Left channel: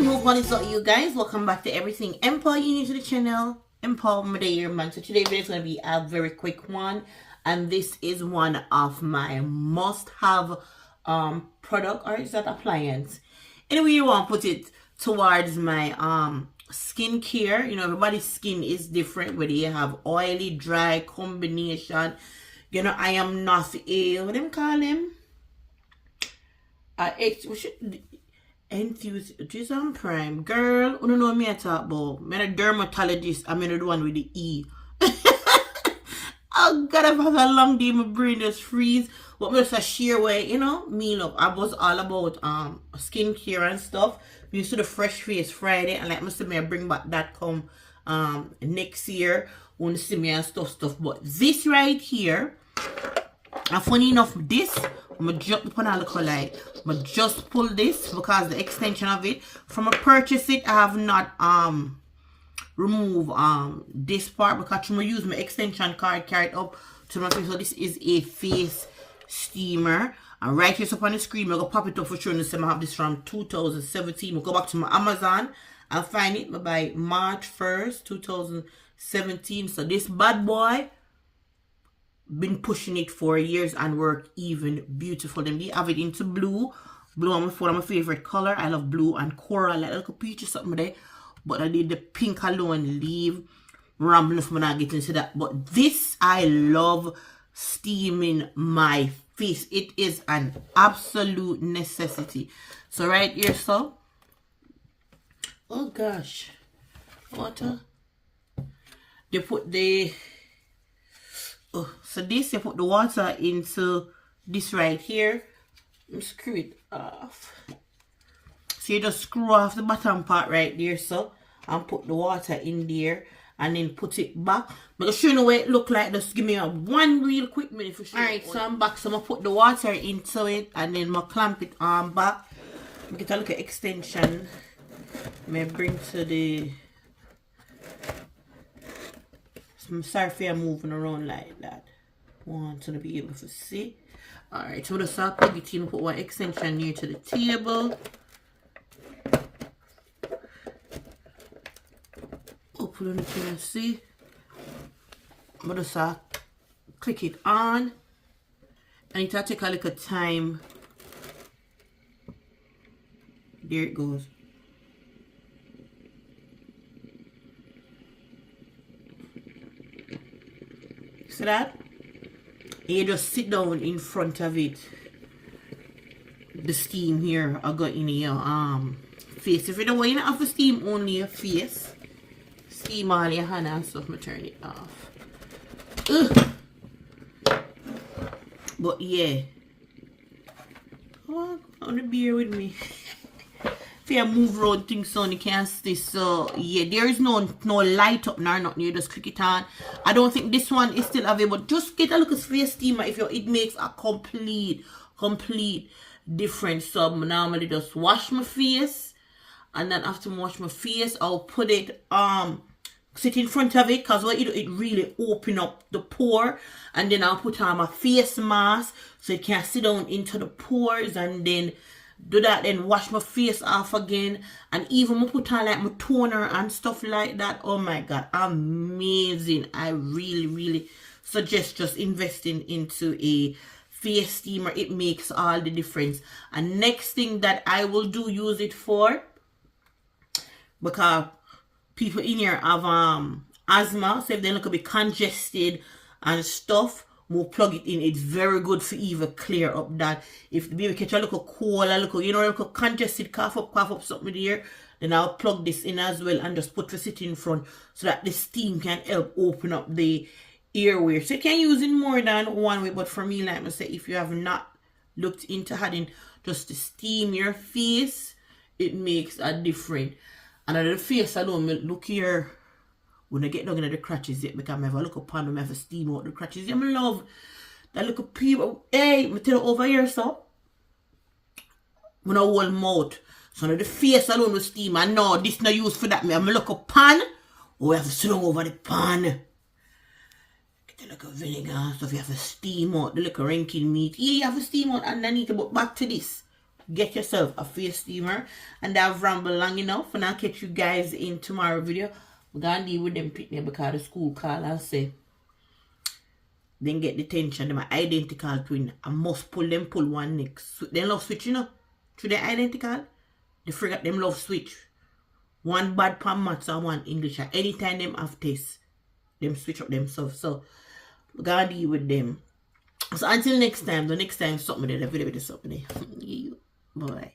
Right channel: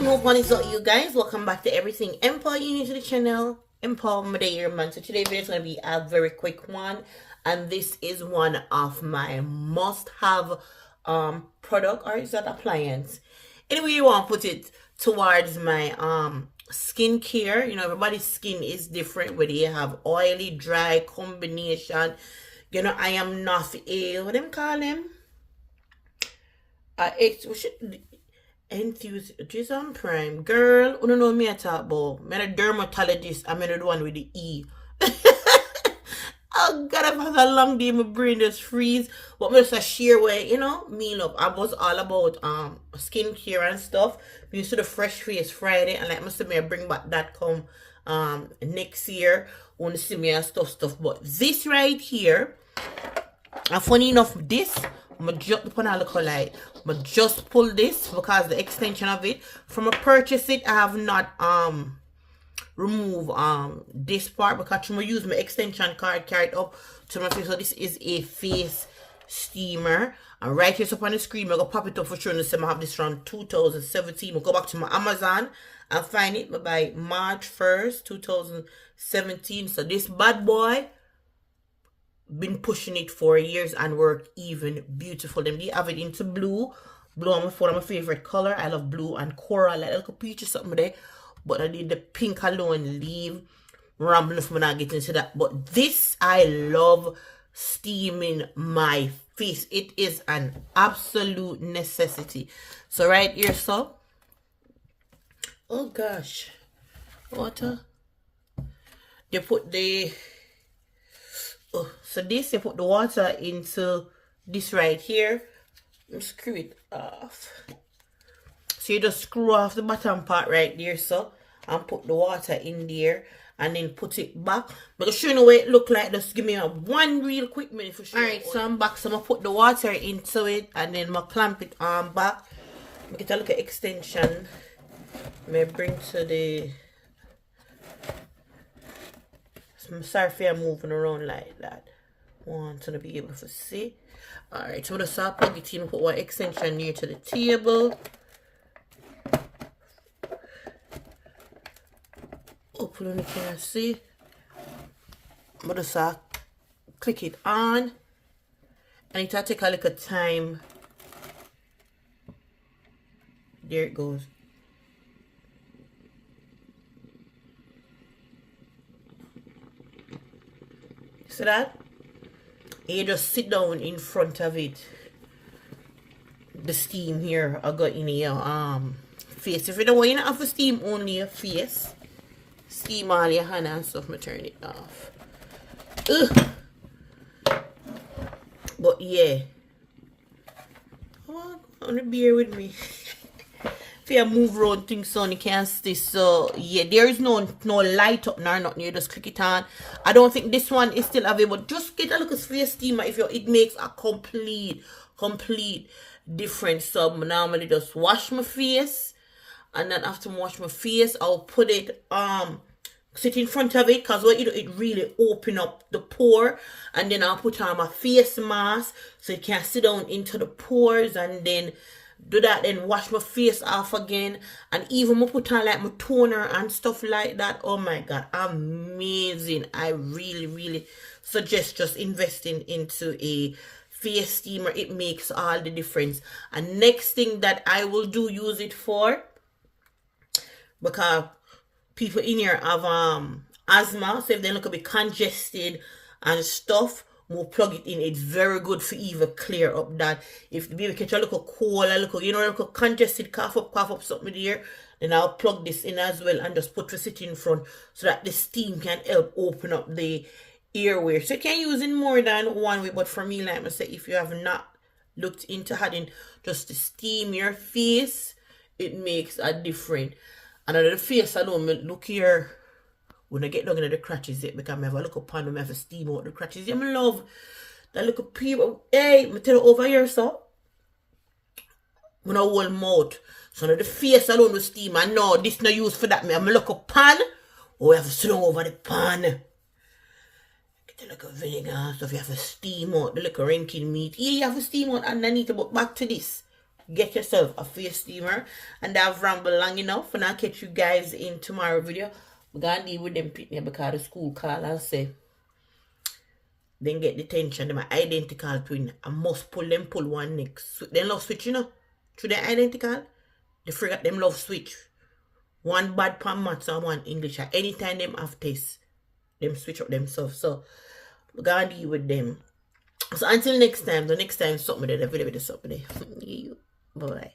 And what is up, you guys? Welcome back to everything Empo. You new to the channel, Empo Madeira man. So today's video is going to be a very quick one, and this is one of my must-have product, or is that appliance? Anyway, you want to put it towards my skincare. You know, everybody's skin is different, whether you have oily, dry combination. You know, I am not a what them call him? Enthusiasm Prime. Girl, you don't know me at all, but I'm a dermatologist. I'm the one with the E. Oh God, I've had a long day, my brain just freeze. But me just a sheer way, you know, me love. I was all about skincare and stuff. We used to the Fresh Face Friday, and like Mr. May bring back that come next year. Want to see me and stuff. But this right here, and funny enough, this I'm gonna jump upon a little light. But just pull this because the extension of it from a purchase it, I have not remove this part because I'm gonna use my extension card carried up to my face. So this is a face steamer, and right here up on the screen I'm gonna pop it up for sure. And I have this from 2017. We'll go back to my Amazon and find it by March 1st 2017. So this bad boy been pushing it for years and work even beautiful. Them they have it into blue. Blue on my phone, my favorite color. I love blue and coral, like a peach or something there. But I did the pink alone. Leave rambling if I'm not getting into that. But this, I love steaming my face. It is an absolute necessity. So right here, so oh gosh, water. You put the so this, you put the water into this right here and screw it off. So you just screw off the bottom part right there, so, and put the water in there and then put it back. Because show you know what it look like. Just give me one real quick minute for sure. Alright, so I'm back. So I'm gonna put the water into it and then I'm clamp it on back. Get a look at extension. May bring to the. I'm sorry if I'm moving around like that. Want to be able to see. Alright, so just plug it in, put one extension near to the table. Open it, you can see. But just click it on. And it'll take a little time. There it goes. See that? And you just sit down in front of it. The steam here I got in your face. If you don't want to have to steam only your face, steam all your hand and stuff, I turn it off. Ugh. But yeah. Oh, bear with me. If you move around things on, you can't stay. So yeah, there is no light up nor nothing. You just click it on. I don't think this one is still available. Just get a look at face steamer if it makes a complete difference. So I normally just wash my face, and then after I wash my face, I'll put it sit in front of it, because what you do, it really open up the pore, and then I'll put on my face mask so it can sit down into the pores, and then do that, then wash my face off again, and even put on like my toner and stuff like that. Oh my god, amazing. I really suggest just investing into a face steamer. It makes all the difference. And next thing that I will use it for, because people in here have asthma, so if they look a bit congested and stuff, we'll plug it in. It's very good for even clear up that. If the baby catch a little cold, a little, you know, a little congested, cough up something there, then I'll plug this in as well and just put it in front so that the steam can help open up the airway. So you can use it more than one way, but for me, like I say, if you have not looked into having just to steam your face, it makes a difference. And on the face alone, look here. When I get down in the crutches yet, because I have a look upon them, I have to steam out the crutches. Yeah, I love that little people. Hey, I tell you over here, so. When I hold mouth. So now the face alone with steam. And no, this no use for that. I have a look pan. Oh, I have to sit down over the pan. Get the little vinegar and stuff. You have to steam out the little ranking meat. Yeah, you have to steam out underneath. But back to this. get yourself a face steamer. And I've rambled long enough, and I'll catch you guys in tomorrow video. I'm gonna deal with them picnic because the school call and say then get detention. Them are identical twin. I must pull one next. They love switch, you know. To the identical, they forget them love switch. One bad pan maths and one English. Anytime them have tests, them switch up themselves. So we gotta deal with them. So until next time, the next time something there, the video with something there. Bye.